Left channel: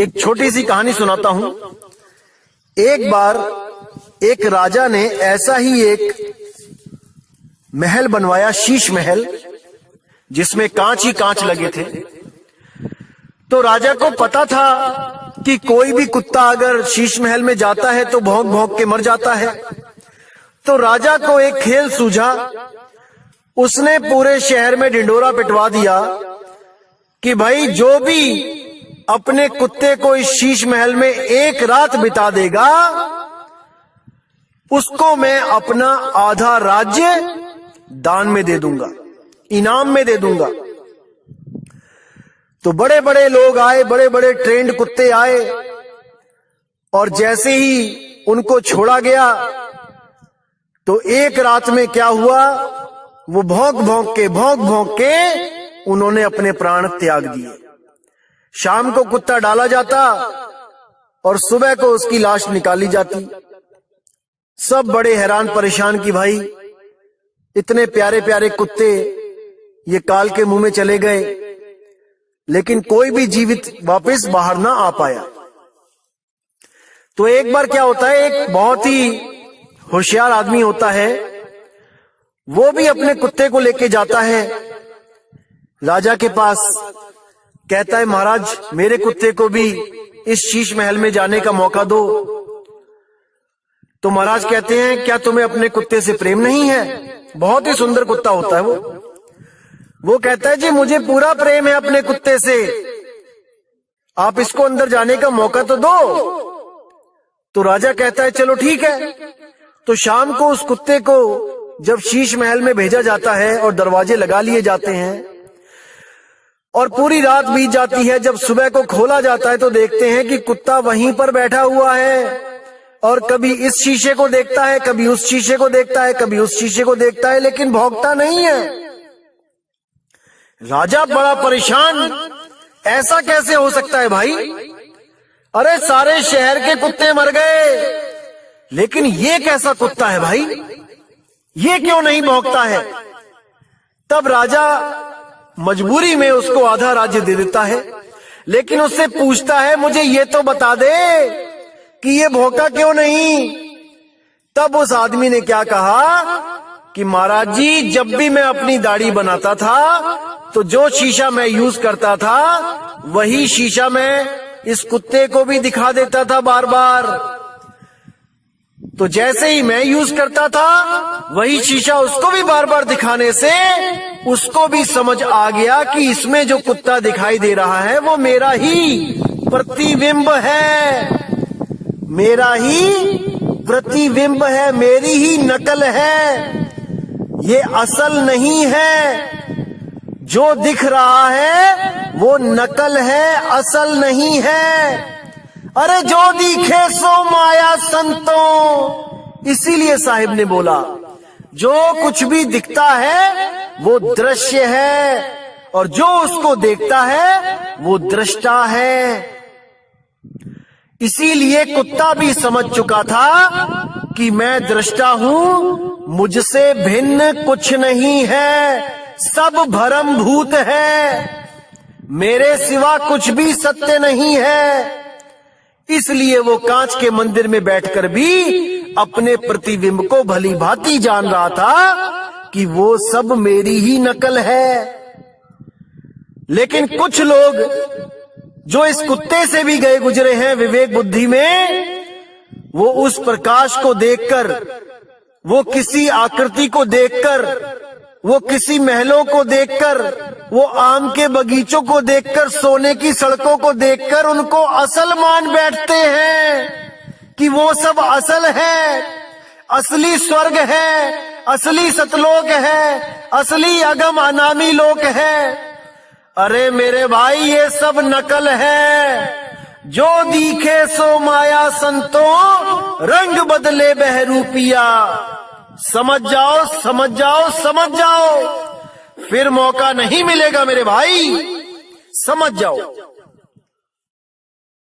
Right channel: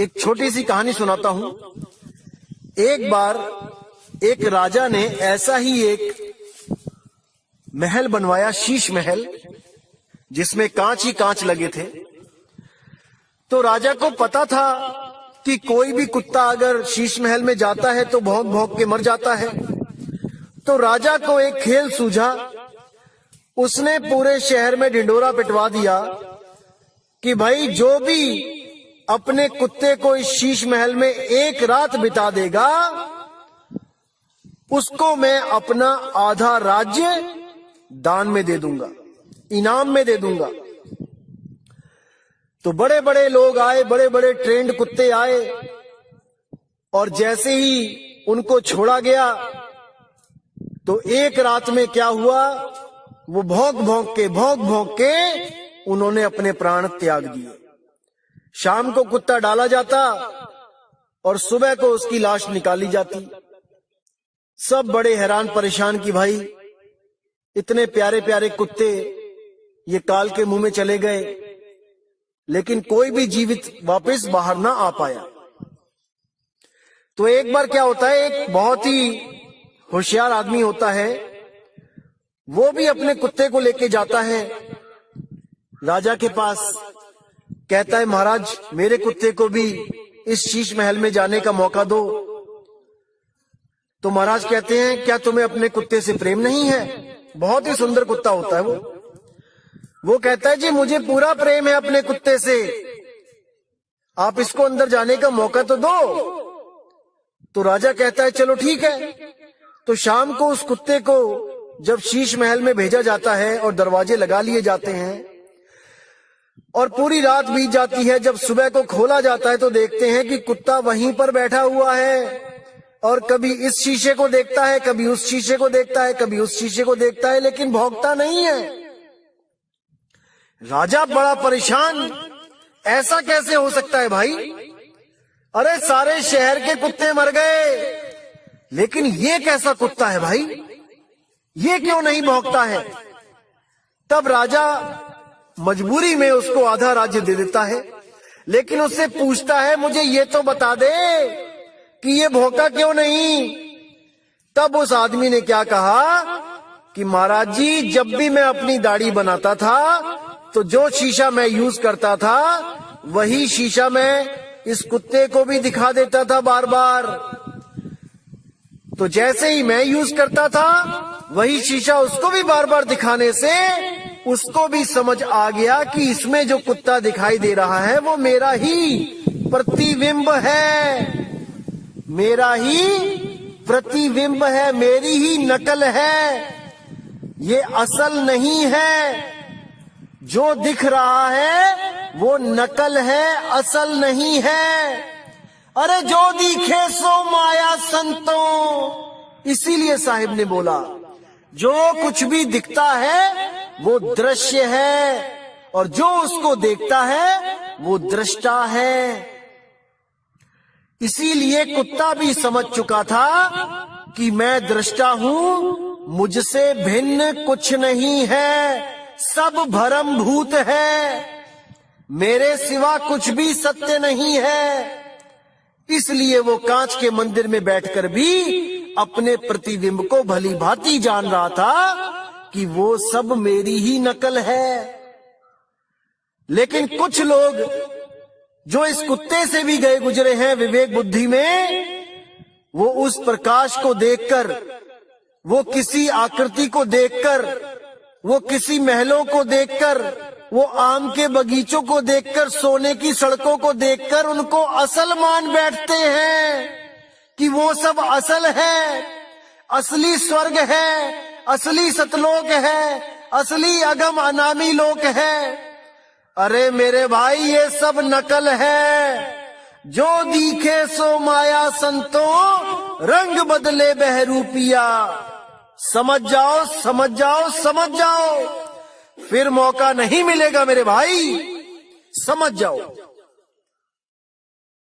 एक छोटी सी कहानी सुनाता हूं। एक बार एक राजा ने ऐसा ही एक महल बनवाया, शीश महल, जिसमें कांच ही कांच लगे थे। तो राजा को पता था कि कोई भी कुत्ता अगर शीश महल में जाता है तो भौंक भौंक के मर जाता है। तो राजा को एक खेल सूझा। उसने पूरे शहर में ढिंढोरा पिटवा दिया कि भाई जो भी अपने कुत्ते को इस शीश महल में एक रात बिता देगा, उसको मैं अपना आधा राज्य दान में दे दूंगा, इनाम में दे दूंगा। तो बड़े बड़े लोग आए, बड़े बड़े ट्रेंड कुत्ते आए, और जैसे ही उनको छोड़ा गया तो एक रात में क्या हुआ, वो भौंक भौंक के उन्होंने अपने प्राण त्याग दिए। शाम को कुत्ता डाला जाता और सुबह को उसकी लाश निकाली जाती। सब बड़े हैरान परेशान कि भाई इतने प्यारे प्यारे कुत्ते ये काल के मुंह में चले गए, लेकिन कोई भी जीवित वापस बाहर ना आ पाया। तो एक बार क्या होता है, एक बहुत ही होशियार आदमी होता है, वो भी अपने कुत्ते को लेके जाता है राजा के पास। कहता है, महाराज मेरे कुत्ते को भी इस शीश महल में जाने का मौका दो। तो महाराज कहते हैं, क्या तुम्हें अपने कुत्ते से प्रेम नहीं है? बहुत ही सुंदर कुत्ता होता है वो कहता है, जी मुझे पूरा प्रेम है अपने कुत्ते से, आप इसको अंदर जाने का मौका तो दो। तो राजा कहता है, चलो ठीक है। तो शाम को उस कुत्ते को जब शीश महल में भेजा जाता है और दरवाजे लगा लिए जाते हैं और पूरी रात बीत जाती है, जब सुबह को खोला जाता है तो देखते हैं कि कुत्ता वहीं पर बैठा हुआ है और कभी इस शीशे को देखता है, कभी उस शीशे को देखता है, कभी उस शीशे को देखता है, लेकिन भौंकता नहीं है। राजा बड़ा परेशान, ऐसा कैसे हो सकता है भाई? अरे सारे शहर के कुत्ते मर गए, लेकिन ये कैसा कुत्ता है भाई, ये क्यों नहीं भौंकता है? तब राजा मजबूरी में उसको आधा राज्य दे देता है, लेकिन उससे पूछता है, मुझे ये तो बता दे कि ये भौंका क्यों नहीं? तब उस आदमी ने क्या कहा कि महाराज जी, जब भी मैं अपनी दाढ़ी बनाता था तो जो शीशा मैं यूज करता था वही शीशा मैं इस कुत्ते को भी दिखा देता था बार बार। तो जैसे ही मैं यूज करता था वही शीशा उसको भी बार बार दिखाने से उसको भी समझ आ गया कि इसमें जो कुत्ता दिखाई दे रहा है वो मेरा ही प्रतिबिंब है, मेरा ही प्रतिबिंब है, मेरी ही नकल है, ये असल नहीं है। जो दिख रहा है वो नकल है, असल नहीं है। अरे जो दिखे सो माया संतों, इसीलिए साहिब ने बोला, जो कुछ भी दिखता है वो दृश्य है और जो उसको देखता है वो दृष्टा है। इसीलिए कुत्ता भी समझ चुका था कि मैं दृष्टा हूं, मुझसे भिन्न कुछ नहीं है, सब भ्रम भूत है, मेरे सिवा कुछ भी सत्य नहीं है। इसलिए वो कांच के मंदिर में बैठकर भी अपने प्रतिबिंब को भली भांति जान रहा था कि वो सब मेरी ही नकल है। लेकिन कुछ लोग जो इस कुत्ते से भी गए गुजरे हैं विवेक बुद्धि में, वो उस प्रकाश को देखकर, वो किसी आकृति को देखकर, वो किसी महलों को देखकर, वो आम के बगीचों को देखकर, सोने की सड़कों को देखकर उनको असल मान बैठते हैं कि वो सब असल है, असली स्वर्ग है, असली सतलोक है, असली अगम अनामी लोक है। अरे मेरे भाई, ये सब नकल है। जो दिखे सो माया संतों, रंग बदले बहरूपिया। समझ जाओ, समझ जाओ, समझ जाओ, फिर मौका नहीं मिलेगा मेरे भाई, समझ जाओ।